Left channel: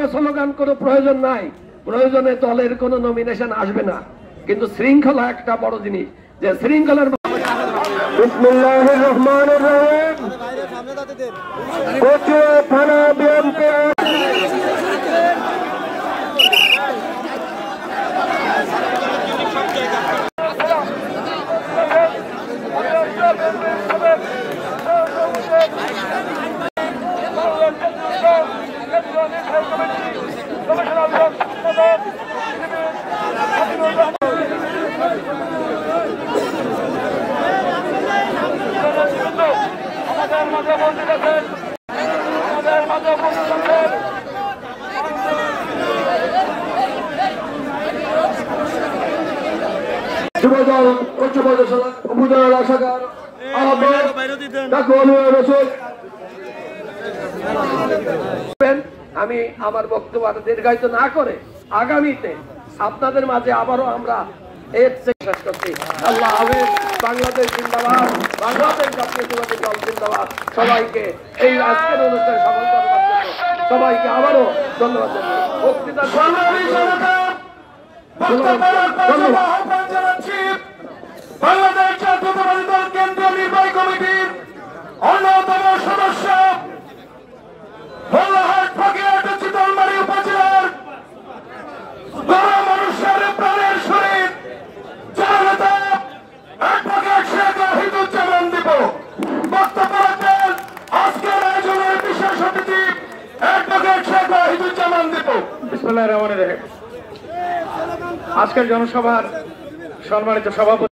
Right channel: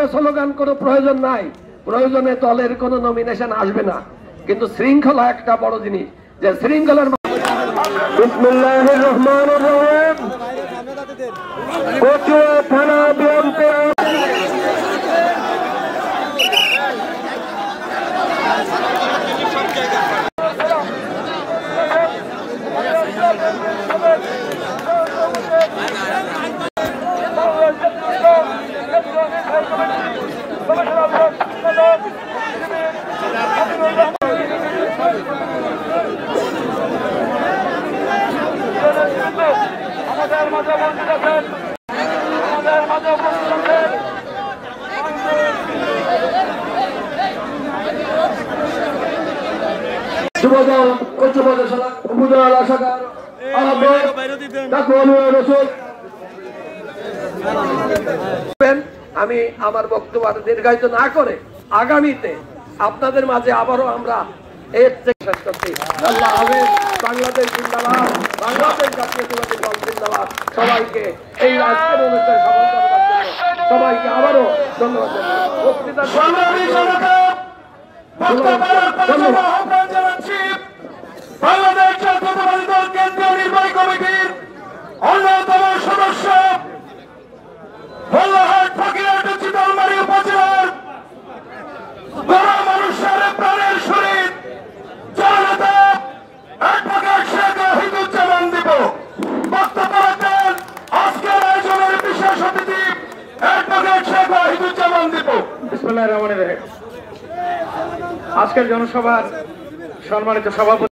নামে স্লোগান কোনো প্রয়োজন নাই, প্রয়োজনে দলের কোনো নমিনেশন আসবে না, কিন্তু শৃঙ্খলা একটা বড় জিনিস, যে শৃঙ্খলার বিসমিল্লাহির রহমানির রহিম। কচুয়া থানা বিএনপি আমি আমার বক্তব্য দীর্ঘায়িত না করে আগামীতে আপনাদের মাঝে আবারও আমরা বাংলাদেশ জিন্দাবাদ, বাংলাদেশ জাতীয়তাবাদী দল জিন্দাবাদ। সবাইকে এই আজকের অনুষ্ঠান সফল করবার জন্য সবাইকে আবারও ধন্যবাদ জানাচ্ছি। বাংলাদেশ জাতীয়তাবাদী দল কেন্দ্রীয় নির্বাহী কমিটির অন্যতম সদস্য ভোলাহাট ফকিরহাট চিতলমারী উপজেলার বড় মানুষের প্রাণের শরীর জননেতা অ্যাডভোকেট শেখ ওয়াহিদুজ্জামান দীপু বক্তব্য রাখবেন আজকের আয়োজনের বিশেষ অতিথি অ্যাডভোকেট শেখ ওয়াহিদুজ্জামান দীপু। বিসমিল্লাহির রহমানির রহিম। আজকের জনসভার সম্মানিত সভাপতি